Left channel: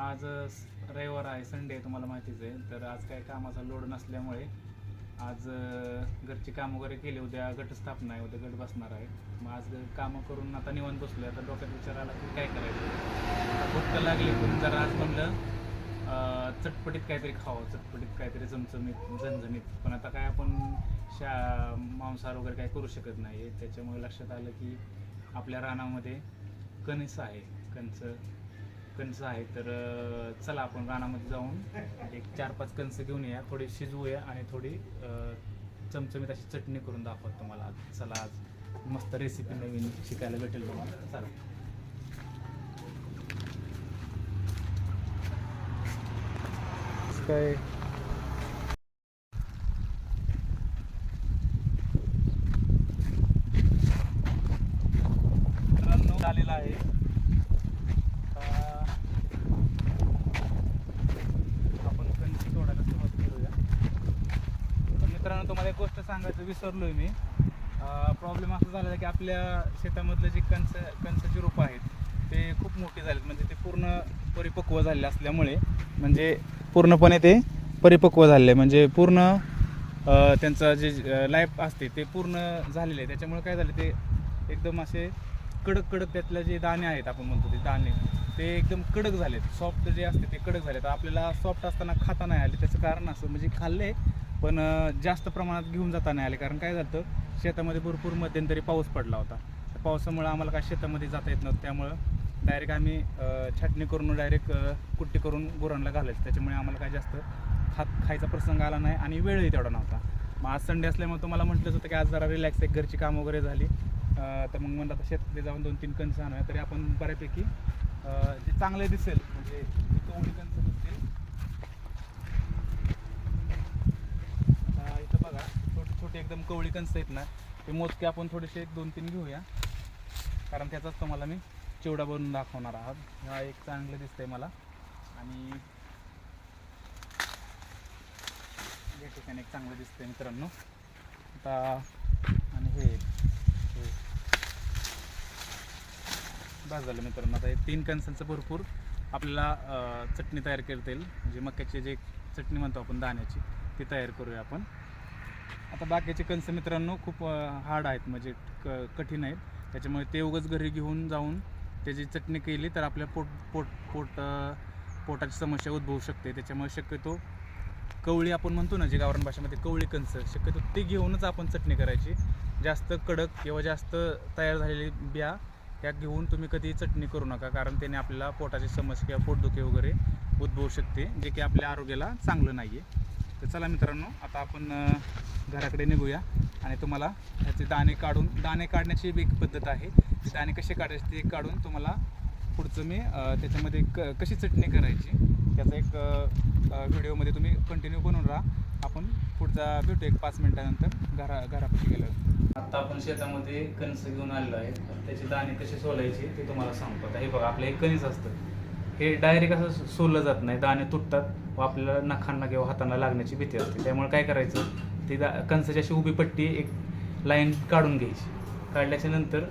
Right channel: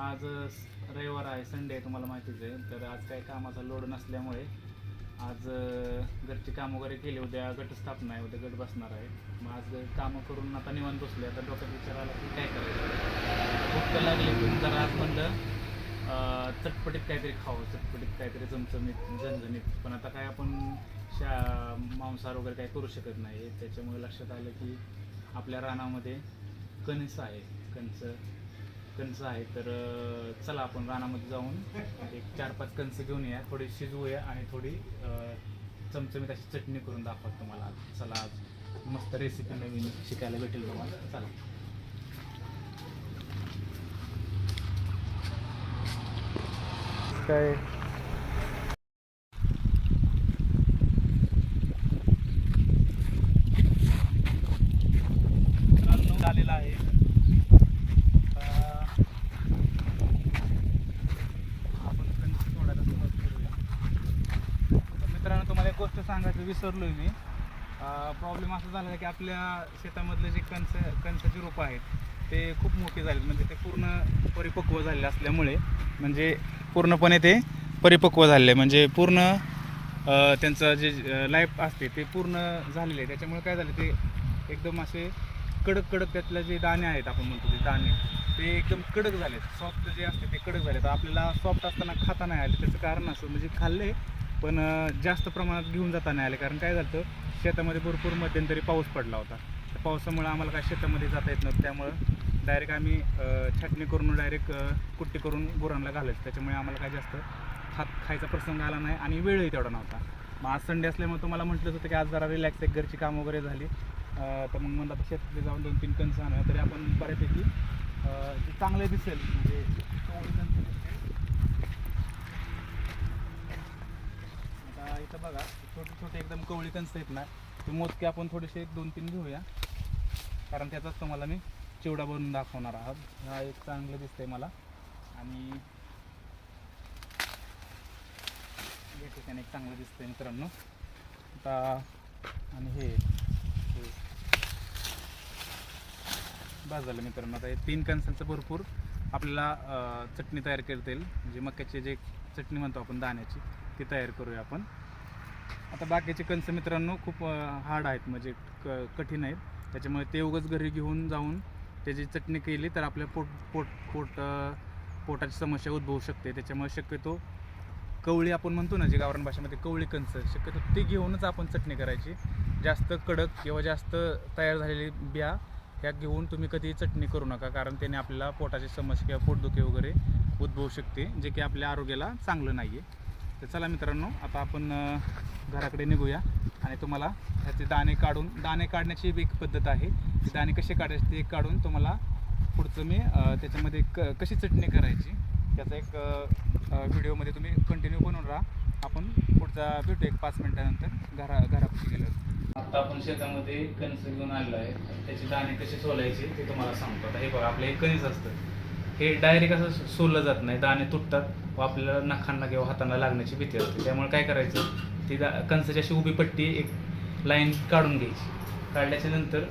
आज रविवार आहे संडे आहे तुम्हाला माहितीच आहे. तर आज काही कामाचा लोड नसल्यामुळे आज घरची कामं वगैरे केली उद्या गटस्थापना आहे उद्या गट बसणार आहे. मग आज कामं करून आता निवांत बसले आता डोक्यात विचार आला की काय करायचं? भूक तर लागली पण जरा आज म्हणलं चटपटीत काहीतरी खावं. चटपटीत काहीतरी चमचमीत झणझणीत. पण आता काय आपण शा मांसाहार वगैरे काही करू शकत नाही. त्याच्यामुळे लक्षात आलं की आपल्या रानामध्ये कणस आहे. कणस कणसं आहे तर चला आपण रानामध्ये जाऊन एक चार पाच कणसं घेऊन या. थोडी शिजवूया आणि थोडी चमचमीत अशी चटणी करून दाखवत तुम्हाला आज. चला आज मस्त रेसिपी नवीन शिकायला भेटेल तुम्हाला. चला. काय? झालेला आहे आता आपण कणिक सोडायला सुरुवात करूया तर मित्रांनो तुम्हाला एक गोष्ट सांगायचं विसरलोय मी. प्रॉब्लेम असा झालेला की आपल्या शेतामधले जी कणस कणसाची रोपं आहेत ते खूप मोठी झालीत. म्हणजे ते पूर्ण परिपक्व झालेले असल्यामुळे म्हणजे पूर्णपणे ते परिपक्व झालेले. म्हणजे पूर्ण त्यांचं जे लाईफ असते ते पूर्ण झालेलं. आहे त्याच्यामुळे काय झालं ते एकदम असे कडक कडक त्यातले जे दाणे आहेत आपण म्हणतो ते दाणे ते एकदम कडक झालेत. सॉफ्ट जे असते ते कडक झाले तर आपल्याला सॉफ्ट असताना खाता नाही आले त्याचं कारण असं म्हणजे खाल्ले पण जास्त प्रमाणात घेऊन जाता नाही आले. कारण काय झालं शेतामध्ये भरपूर मध्यंतरी पाऊस पडला होता. त्या पावसामुळे आम्हाला काय शेतामध्ये जाता येत नव्हतं. त्यामुळं डायरेक्ट आम्ही छाटणी करून डायरेक्ट कुट्टी करून गुरांना घालायचं. त्याच्यामुळे आम्हाला काय जास्त खात खायचा प्रसंग आला नाही आणि वेळही तेवढा नव्हता. मग आज संडे असल्यामुळे तुम्हाला म्हटलंच होतं की आज जरा रिलॅक्स एक घरची कामं वगैरे झाली. तर मग म्हणलं आता शेतामध्ये जाऊन दोन तीन कणसं आणूया तरी आपण बऱ्यापैकी जे चांगले दिसेल म्हणजे तेवढी कणसं दिसतील आता इथं बघा छोटे छोटे एकदम कवळी कणसं आहेत ना ते मोजके आपण थोडेसे एक दोन तीन घेऊया. कारण त्याचाच तुम्हाला मी चिवडा बनवून दाखवणार आहात. हा एक चांगलं दिसतंय मला. आणि या ठिकाणी एक चांगलं दिसतंय मित्रांनो. आता आणि हे हे. बस झालं मित्रांनो. आता हे तीन कणसांचं भरपूर आपल्याला चटणी तयार करता येईल. म्हणजे मक्याची जे चटणी म्हणतो आपण दाण्याची ती तयार करूया आपण. आता बाकीचे कंस मित्रांनो खूप हार्ड आहेत म्हणजे क कठीण आहेत. त्याच्यामुळे ते उगाच घरी घेऊन जाऊन त्याची चटणी केली तर आपल्या पोट पोट पोट पोटाची समस्या उद्भवू शकते. त्याच्यामुळे शक्यतो कवळी आपण म्हणतो ना जे गावरान भाषेमध्ये कवळी कणस शक्यतो ते घेऊनच आपण चटणी करायची. जास्त कडक किंवा जास्त तयार झालेली बिया ह्या घेऊन तुम्ही कधी चटणी करू नका कारण त्याने आपल्याला पोटाची समस्या किंवा पोटदुखी वगैरे उद्भवू शकते जे की आपल्या आरोग्याला चांगलं नाही आहे तर चला मित्रांनो आता आपण घराकडे निघूया. आणि तुम्हाला ह्याचे दाणे काढून दाणे काढण्याची एक पद्धत आहे. ते दाणे कसे काढायचे ते काढून तुम्हाला पुढचं मी त्याच्यामध्ये क कशी चटणी करायची त्याचा एक व्हिडिओमध्ये तुम्ही कंटिन्यू बनवून राहा. आपण पुढचा भेटू एक पाच मिनिटानंतर घरा घरापाशी गेल्यावर. आता आपण शेतामध्ये कणस घेऊन आलेलो आहे. त्याचे दाणे कसे सोलायचे ते तुम्हाला सांगतो. आता हे बघा आपलं एक कणीस असतं. हे डायरेक्ट असं सोललं जात नाही. दाणे तुटतात. व आपल्याला नखांना किंवा हातांना लागण्याची भीती असते. त्यामुळे काय करायचं? ती दा कणसाची अशी उभी पट्टी एक लाईन काढून घ्यायची. काढल्याच्या नंतर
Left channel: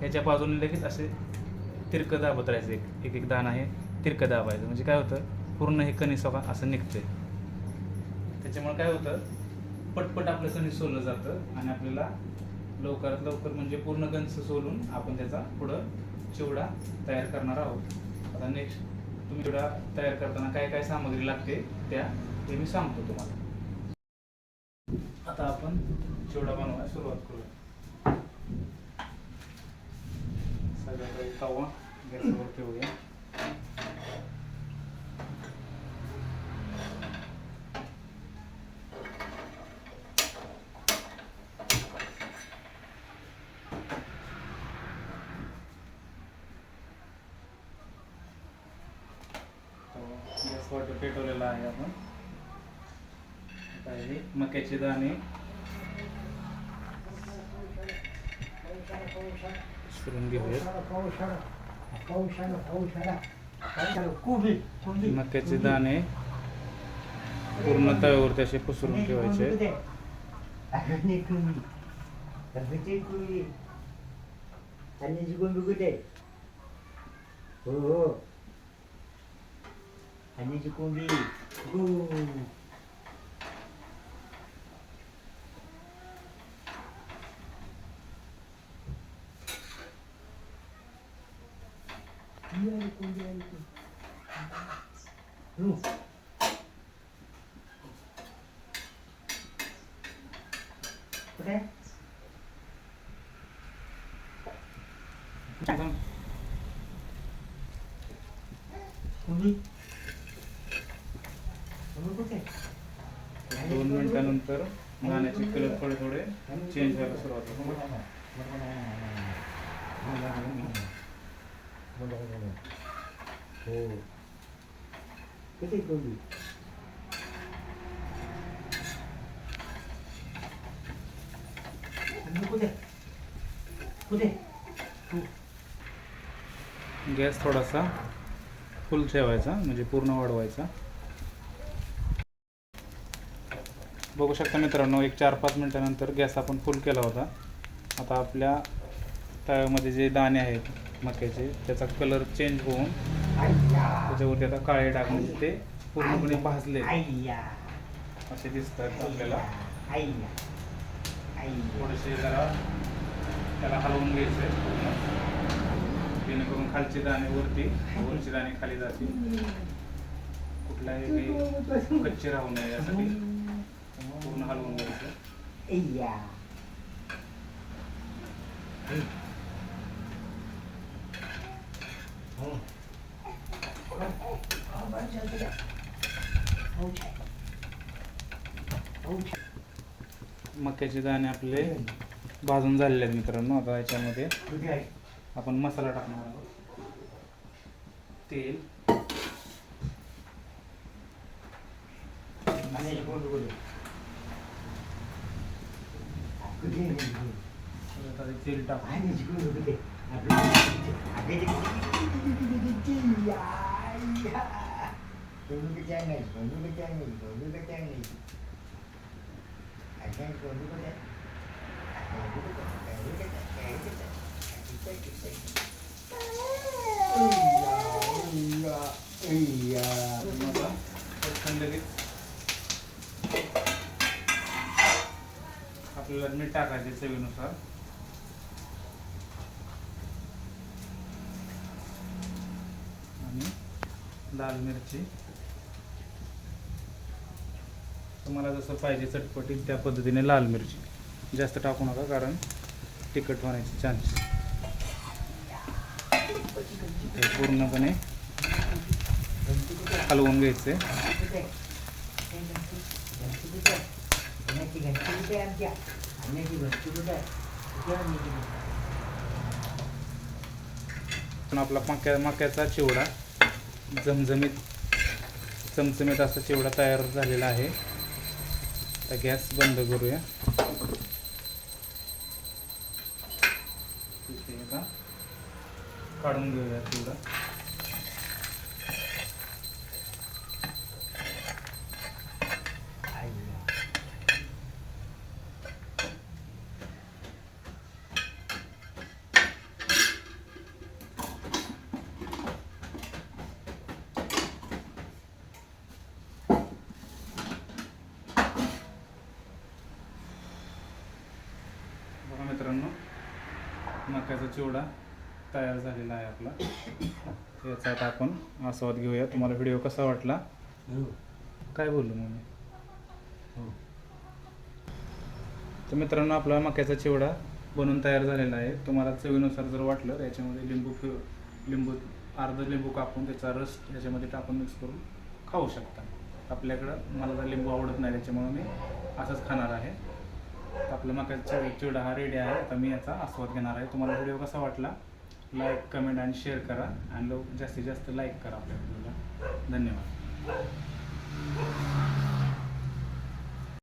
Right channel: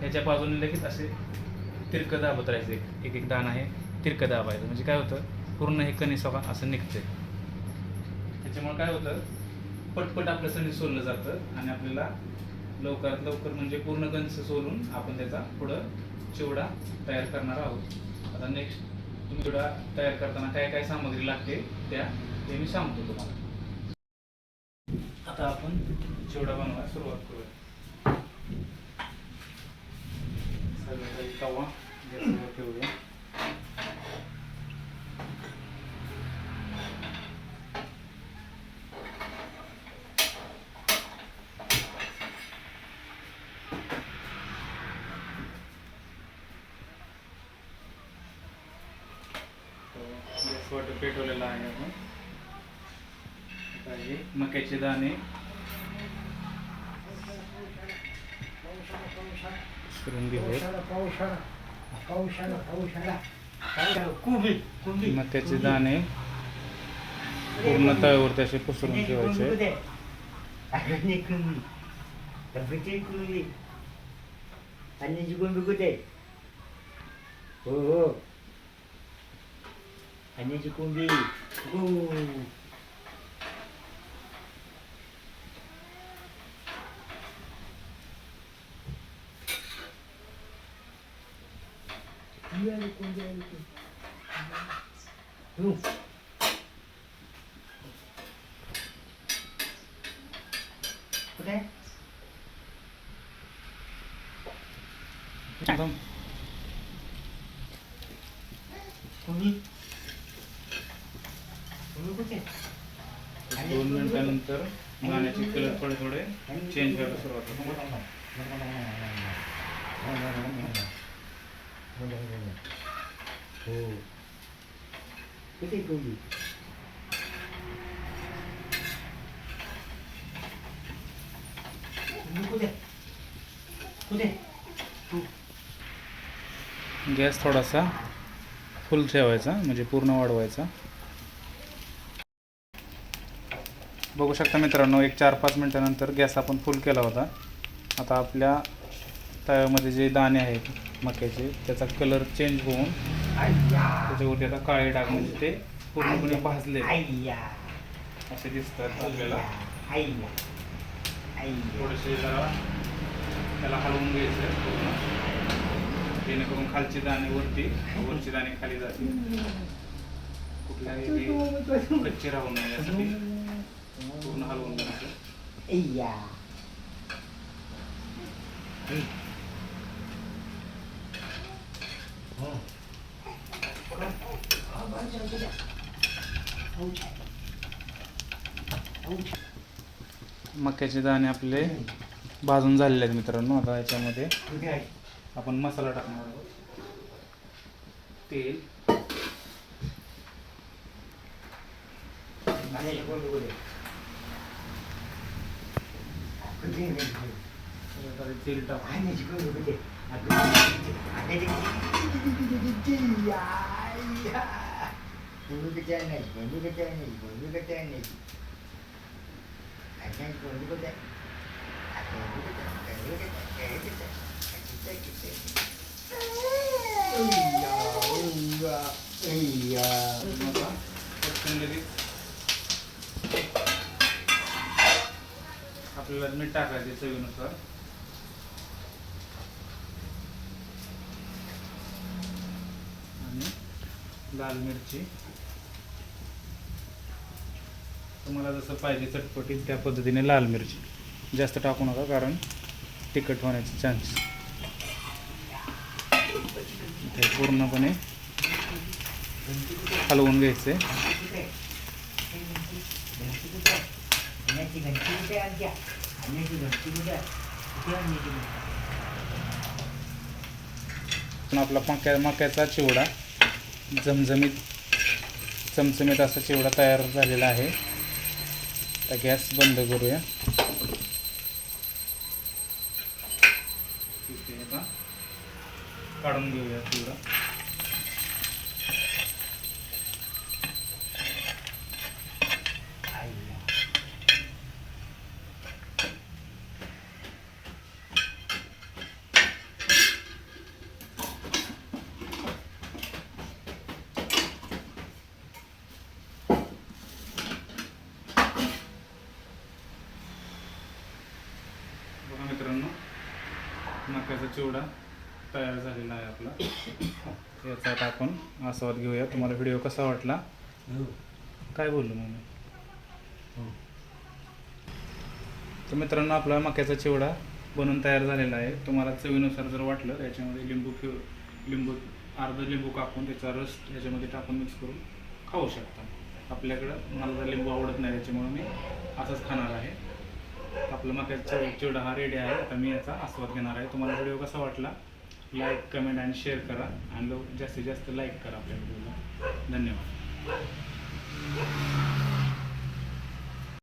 ह्याच्या बाजूने लगेच असे तिरकं दाबत राहायचं एक. एक एक दाणा आहे तिरकं दाबायचं. म्हणजे काय होतं? पूर्ण हे कणीस बघा असं निघतंय. त्याच्यामुळे काय होतं? पटपट आपलं सणी सोललं जातं आणि आपल्याला लवकरात लवकर म्हणजे पूर्ण कणस सोलून आपण त्याचा पुढं चिवडा तयार करणार आहोत. आता नेक्स्ट तुम्ही चिवडा तयार करताना काय काय सामग्री लागते त्या ते मी सांगतो तुम्हाला. आता आपण चिवडा बनवायला सुरुवात करूया. सगळं काही तवा गॅसवर ठेवूया. गॅसवर पेटवलेला आहे आपण. आता हे मक्याचे दाणे. करून मक्याचे दाणे पूर्ण तव्यावरती असे पसरून ठेवायचे. आणि जिंकून बिकून दे हो हो. अन्याची कोंबडी हो ती आली कोंबडी आली ती. हो. कुठे आहे? कोंबडी कोंबडी कुठे आहे? दोन मिनिटानंतर गाण्याचे कलर थोडे थोडे चेंज व्हायला सुरुवात होतो. हो गॅस थोडासा फुल ठेवायचा म्हणजे पूर्ण वाढवायचा. बघू शकता मित्रांनो एक चार पाच मिनटानंतर गॅस आपण फुल केला होता. आता आपल्या तव्यामध्ये जे दाणे आहेत मक्याचे त्याचा कलर चेंज होऊन त्याच्यावरती आता काळे डाग म्हणजे ते पूर्णपणे भाजले असे दिसतात आपल्याला. थोडेसे जरा त्याला हलवून घ्यायचं पूर्ण. जेणेकरून खालचे दाणे वरती वरचे दाणे खाली जातील. कुठल्याही कच्चे राहू नये यासाठी. पूर्ण हलवून घ्यायचं. आय्या मक्याचे दाणे आपले भाजून झालेले आहेत मित्रांनो आता याच्यामध्ये आपण मसाला टाकणार आहोत. तेल. 그중에는 제일 딱 아니 지금 그게 아 그게 야야 누구 그때네 누구 그때네 누구 그때네 아니 그때 으이야 으이야 으이야 आपल्याला मीठ टाकायचे चवीनुसार. आणि लाल मिरची. तुम्हाला जसं पाहिजे चटपटीत त्या पद्धतीने लाल मिरची. जास्त टाकू नका कारण तिखट होण्याचे चान्स ते पूर्णपणे हलवून घ्यायचे. घंटी कुठे आमच्या आणण्याची घंटी कुठे कुठे आणण्याची घंटी आपला मक्या मक्याचा चिवडा जमजमीत चमचमीत असा चिवडा तयार झालेला आहे. तर गॅस बंद करूया. काढून घेऊया चिवडा आय्या बघा मित्रांनो मक्याचा चिवडा तयार झालेला आहे आपला. याचा आता आपण आस्वाद घेऊया. तुम्हाला व्हिडिओ कसा वाटला? हो. काय बोललो मग मी हो. तर मित्रांनो आपला मक्याचा चिवडा बनवून तयार झालेला आहे. तुम्हाला चवीनुसार जर वाटलं याच्यामध्ये लिंबू लिंबू अर्ध लिंबू कापून त्याचा रस याच्यामध्ये टाकून मिक्स करून खाऊ शकता. आपल्याकडं मला तर लिंबू आवडत नाही त्याच्यामुळे मी असंच खाणार आहे. आपला मक्याचा चिवडा हा रेडी आहे. आता मी याचा आस्वाद घेणार आहे. तुम्हाला व्हिडिओ कसा वाटला? लाईक कमेंट आणि शेअर करा. आणि लोक जास्तीत जास्त लाईक करा आपल्या व्हिडिओला धन्यवाद.